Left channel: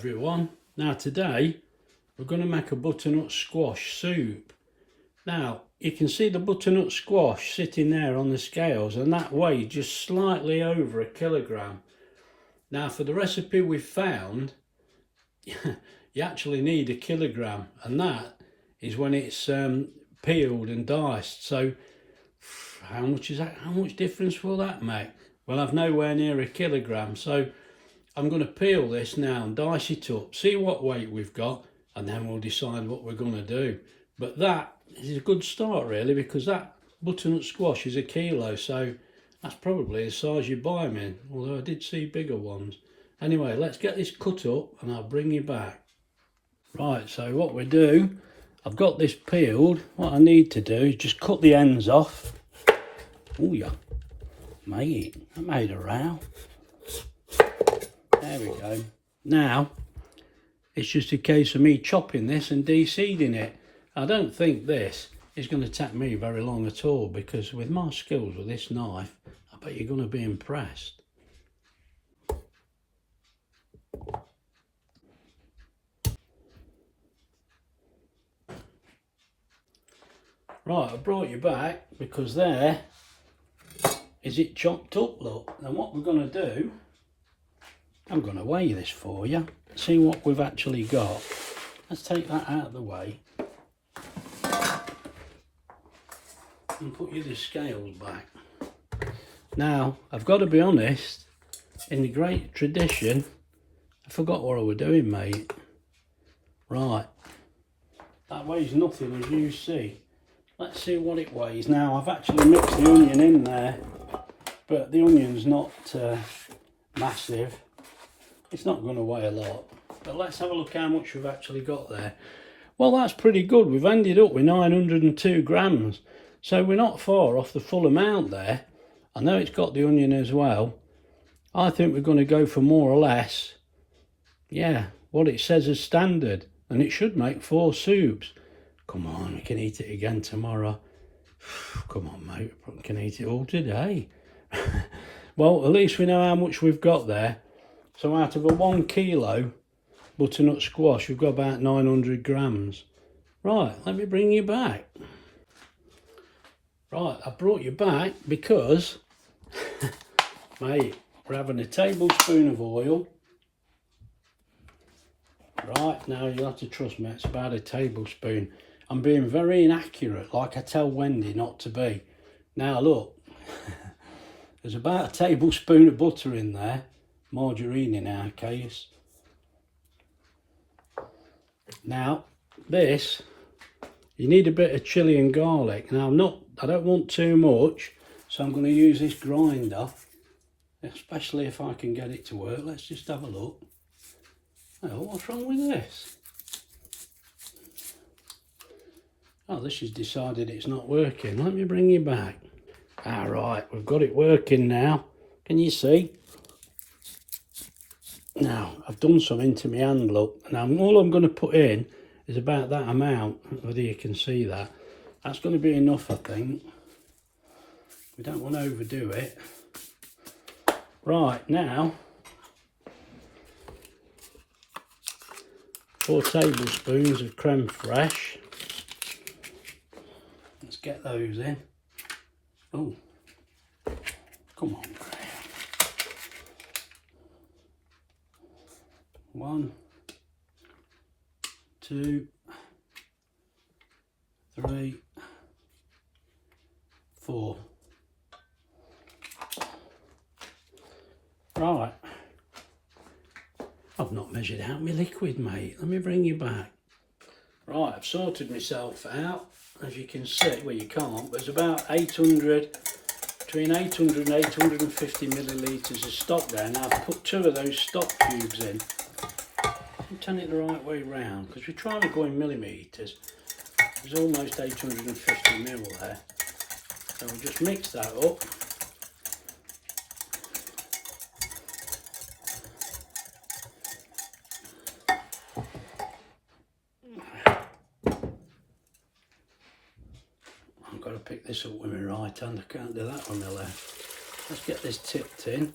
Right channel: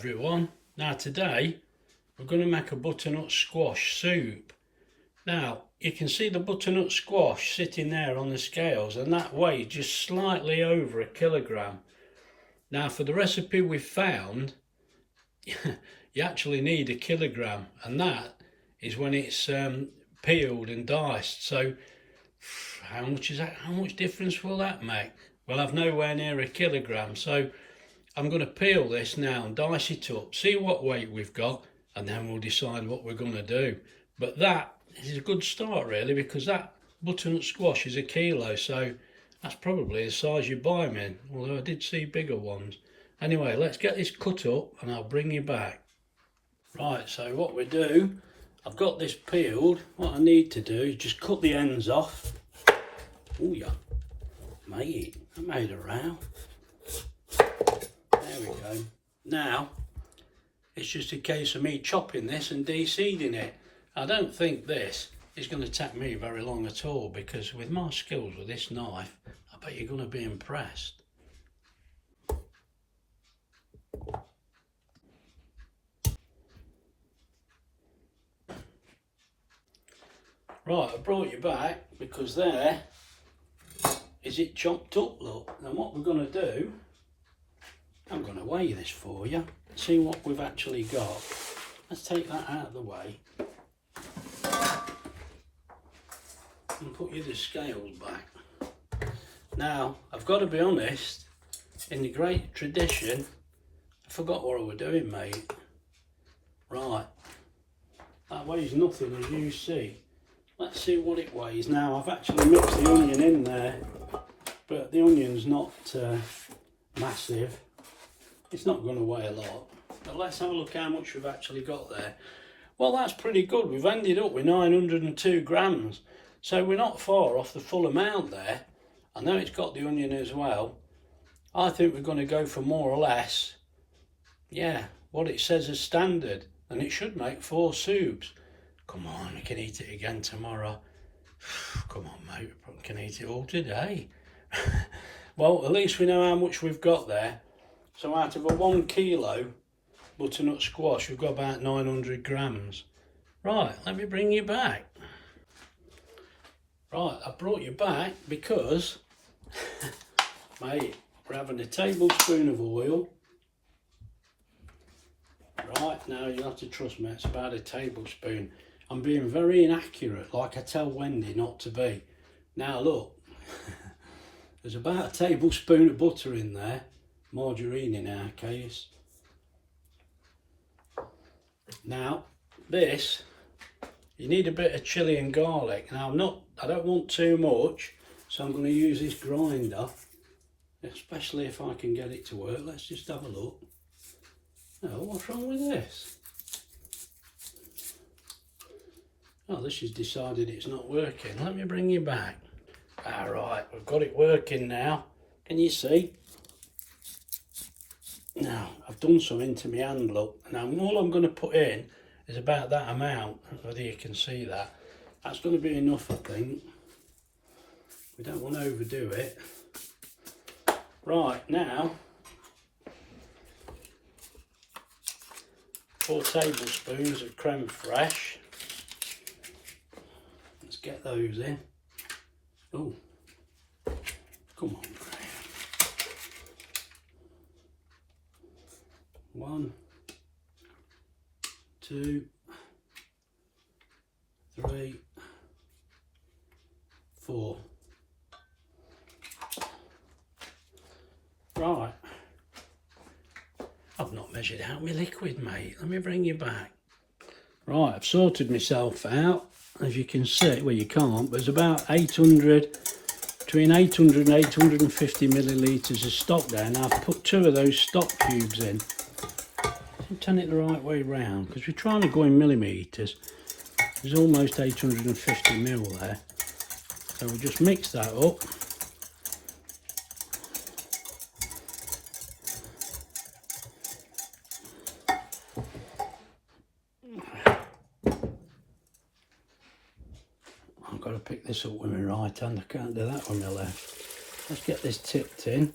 everyone. Now today we're going to make a butternut squash soup. Now you can see the butternut squash sitting there on the scales, and that weighs just slightly over 1 kilogram. Now for the recipe we've found you actually need 1 kilogram, and that is when it's peeled and diced. So how much is that? How much difference will that make? Well, I've nowhere near 1 kilogram, so I'm going to peel this now and dice it up, see what weight we've got, and then we'll decide what we're going to do. But that is a good start really, because that butternut squash is 1 kilo, so that's probably the size you buy them in, although I did see bigger ones. Anyway, let's get this cut up and I'll bring you back. Right, so what we do, I've got this peeled. What I need to do is just cut the ends off. Oh yeah, mate, that made a row. There we go. Now, it's just a case of me chopping this and de-seeding it. I don't think this is going to take me very long at all, because with my skills with this knife, I bet you're going to be impressed. Right, I brought you back because there is it chopped up, look. Now what we're going to do, I'm going to weigh this for you, see what we've actually got. Let's take that out of the way and put you the scales back. Now, I've got to be honest, in the great tradition, I forgot what I was doing, mate. Right, that weighs nothing, as you see. Let's see what it weighs. Now, I've actually mixed the onion in there, but the onion's not massive. It's not going to weigh a lot, but let's have a look how much we've actually got there. Well, that's pretty good. We've ended up with 902 grams, so we're not far off the full amount there. I know it's got the onion as well. I think we're going to go for more or less, yeah, what it says as standard, and it should make 4 soups. Come on, we can eat it again tomorrow. Come on, mate, we can eat it all today. Well, at least we know how much we've got there. So out of a 1 kilo butternut squash, we've got about 900 grams. Right, let me bring you back. Right, I brought you back because, mate, we're having a tablespoon of oil. Right, now you'll have to trust me, it's about a tablespoon. I'm being very inaccurate, like I tell Wendy not to be. Now look, there's about a tablespoon of butter in there. Margarine in our case. Now this, you need a bit of chilli and garlic. Now I don't want too much, so I'm going to use this grinder, especially if I can get it to work. Let's just have a look. Oh, what's wrong with this? Oh, this has decided it's not working. Let me bring you back. Alright, we've got it working now. Can you see? Now, I've done something to my hand, look. Now, all I'm going to put in is about that amount, whether you can see that. That's going to be enough, I think. We don't want to overdo it. Right, now, 4 tablespoons of creme fraiche. Let's get those in. Oh, come on. 1, 2, 3, 4. Right, I've not measured out my liquid, mate. Let me bring you back. Right, I've sorted myself out. As you can see, well, you can't, but there's about 800, between 800 and 850 millilitres of stock there. Now I've put 2 of those stock cubes in. Turn it the right way round, because we're trying to go in millimetres. There's almost 850 mil there, so we just mix that up. I've got to pick this up with my right hand, I can't do that on the left. Let's get this tipped in.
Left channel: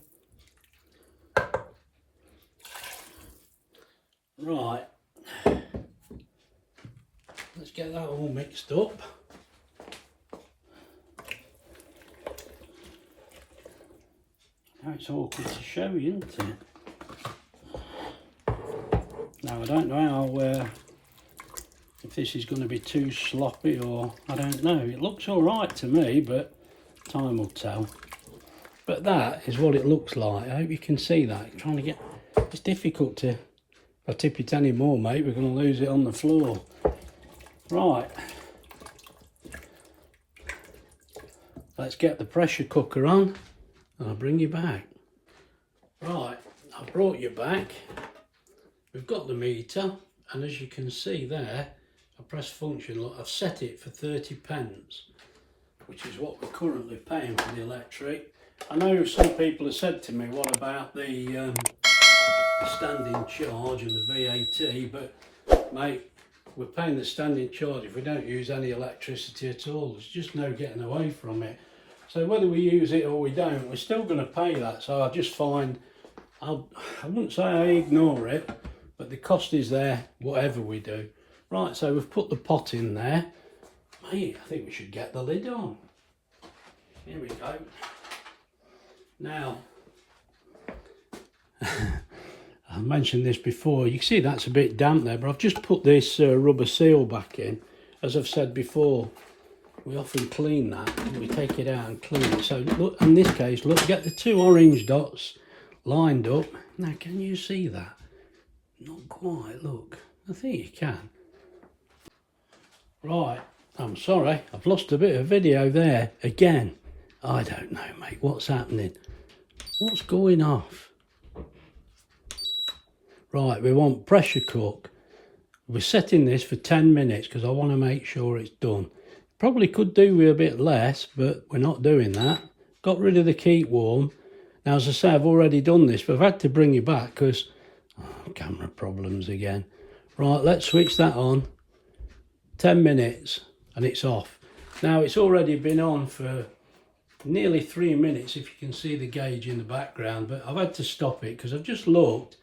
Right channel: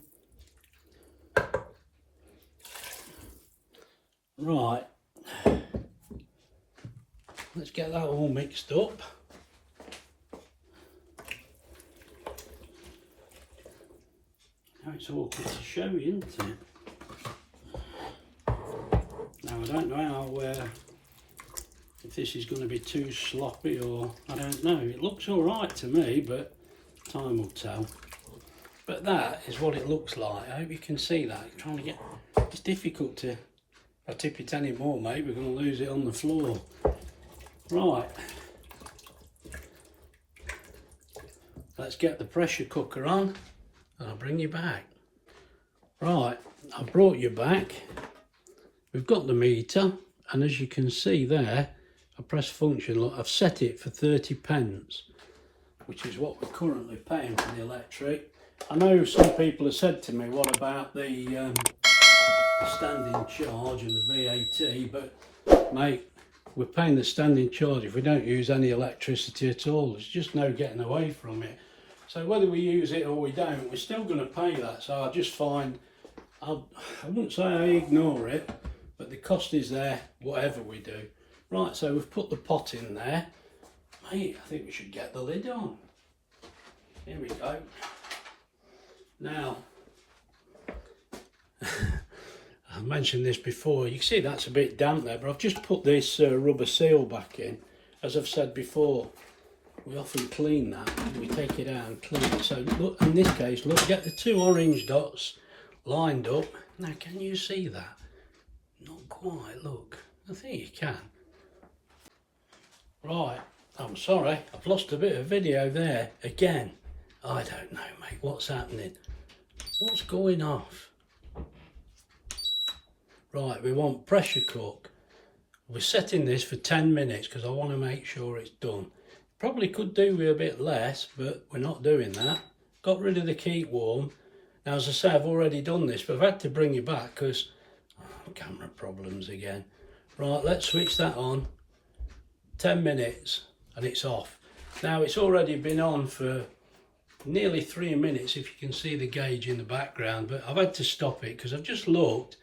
Right, let's get that all mixed up. Now it's all pretty showy, isn't it? Now I don't know how, if this is going to be too sloppy or I don't know. It looks all right to me, but time will tell. But that is what it looks like. I hope you can see that. I'm trying to get, it's difficult to, if I tip it any more, mate, we're going to lose it on the floor. Right. Let's get the pressure cooker on and I'll bring you back. Right, I've brought you back. We've got the meter, and as you can see there, I press function. Look, I've set it for 30p, which is what we're currently paying for the electric. I know some people have said to me, what about the standing charge and the VAT, but mate, we're paying the standing charge if we don't use any electricity at all. There's just no getting away from it. So whether we use it or we don't, we're still going to pay that. So I just find, I wouldn't say I ignore it, but the cost is there whatever we do. Right, so we've put the pot in there. Mate, I think we should get the lid on. Here we go. Now, I mentioned this before, you can see that's a bit damp there, but I've just put this rubber seal back in. As I've said before, we often clean that, and we take it out and clean it. So look, in this case, look, get the two orange dots lined up. Now, can you see that? Not quite, look. I think you can. Right, I'm sorry, I've lost a bit of video there. Again, I don't know, mate, what's happening? What's going off? Right, we want pressure cook. We're setting this for 10 minutes because I want to make sure it's done. Probably could do with a bit less, but we're not doing that. Got rid of the keep warm. Now, as I say, I've already done this, but I've had to bring it back because camera problems again. Right, let's switch that on. 10 minutes and it's off. Now, it's already been on for nearly 3 minutes, if you can see the gauge in the background, but I've had to stop it because I've just looked.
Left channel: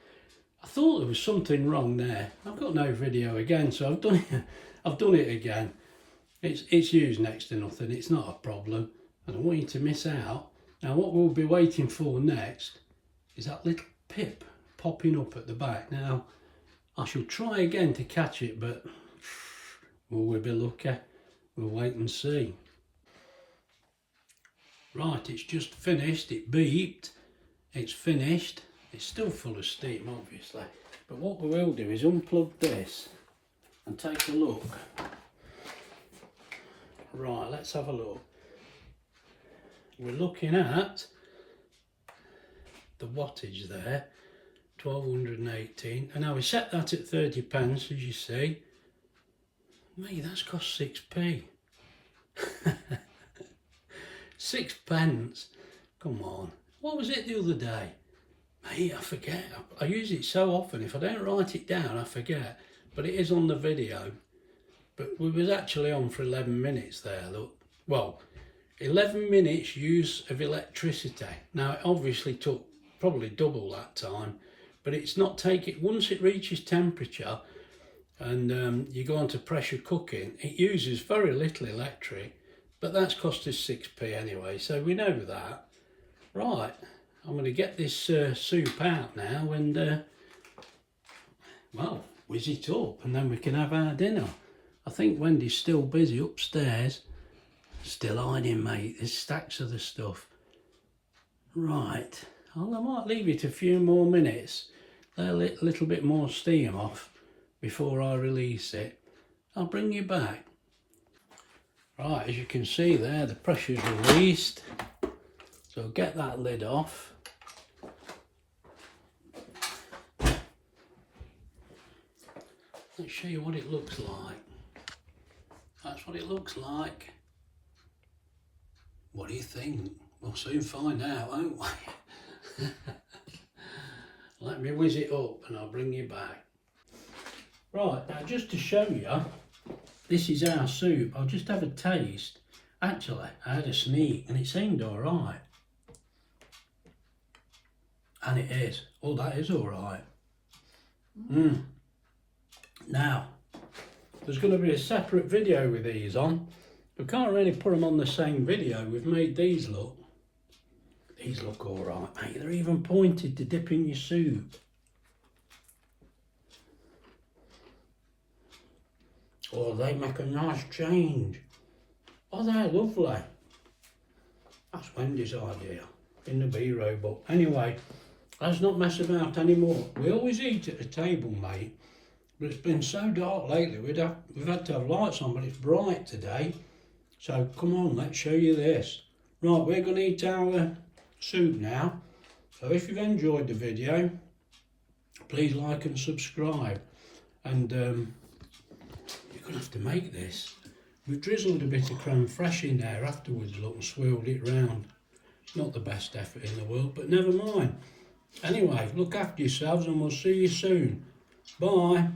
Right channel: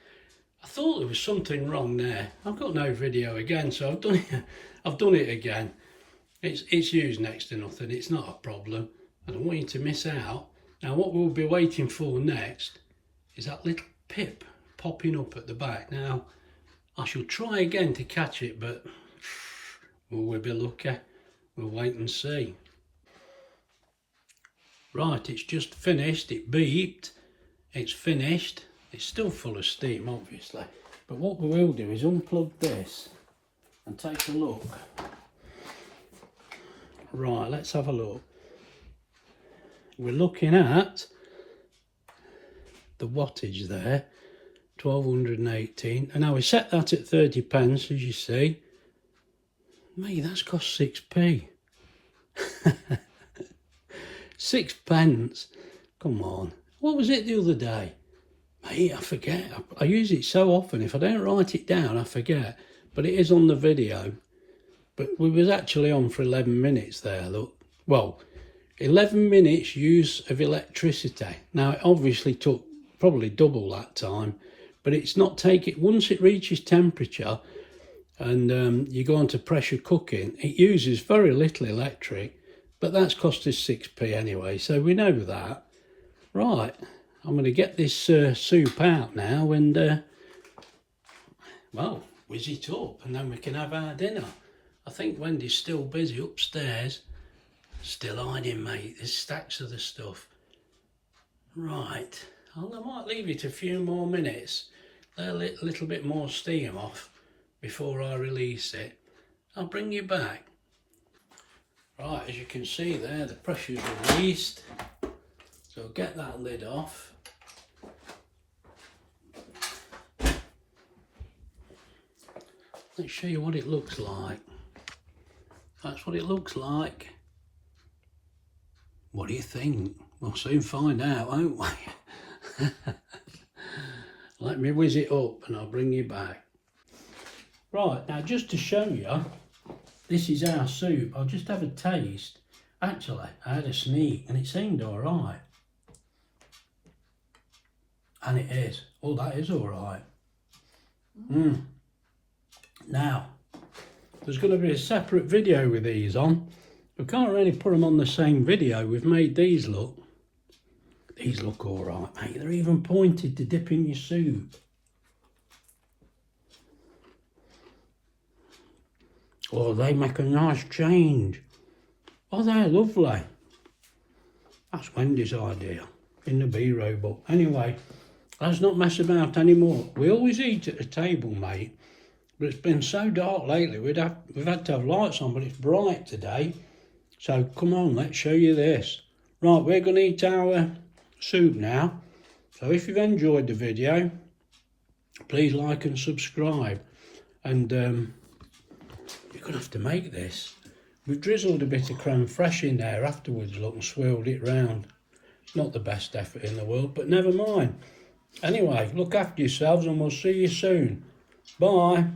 I thought there was something wrong there. I've got no video again, so I've done it. I've done it again. It's used next to nothing. It's not a problem. I don't want you to miss out. Now, what we'll be waiting for next is that little pip popping up at the back. Now, I shall try again to catch it, but will we be lucky? We'll wait and see. Right, it's just finished. It beeped. It's finished. It's still full of steam, obviously. But what we will do is unplug this and take a look. Right, let's have a look. We're looking at the wattage there, 1218. And now we set that at 30p, as you see. Mate, that's cost 6p. 6p. Come on. What was it the other day? Mate, I forget. I use it so often. If I don't write it down, I forget. But it is on the video. But we was actually on for 11 minutes there, look. Well, 11 minutes use of electricity. Now, it obviously took probably double that time. But it's not taking... Once it reaches temperature and you go on to pressure cooking, it uses very little electric. But that's cost us 6p anyway, so we know that. Right, I'm going to get this soup out now and, well, whiz it up and then we can have our dinner. I think Wendy's still busy upstairs. Still hiding, mate. There's stacks of the stuff. Right, well, I might leave it a few more minutes. Let a little bit more steam off before I release it. I'll bring you back. Right, as you can see there, the pressure's released. So get that lid off. Let's show you what it looks like. That's what it looks like. What do you think? We'll soon find out, won't we? Let me whiz it up and I'll bring you back. Right, now just to show you, this is our soup. I'll just have a taste. Actually, I had a sneak and it seemed all right. And it is. Oh, that is all right. Now, there's going to be a separate video with these on. We can't really put them on the same video. We've made these look. These look alright, mate. They're even pointed to dip in your soup. Oh, they make a nice change. Oh, they're lovely. That's Wendy's idea in the B-row book. Anyway, let's not mess about anymore. We always eat at the table, mate. But it's been so dark lately, we've had to have lights on, but it's bright today. So come on, let's show you this. Right, we're going to eat our soup now. So if you've enjoyed the video, please like and subscribe. And you're going to have to make this. We've drizzled a bit of creme fraiche in there afterwards, look, and swirled it round. It's not the best effort in the world, but never mind. Anyway, look after yourselves and we'll see you soon. Bye.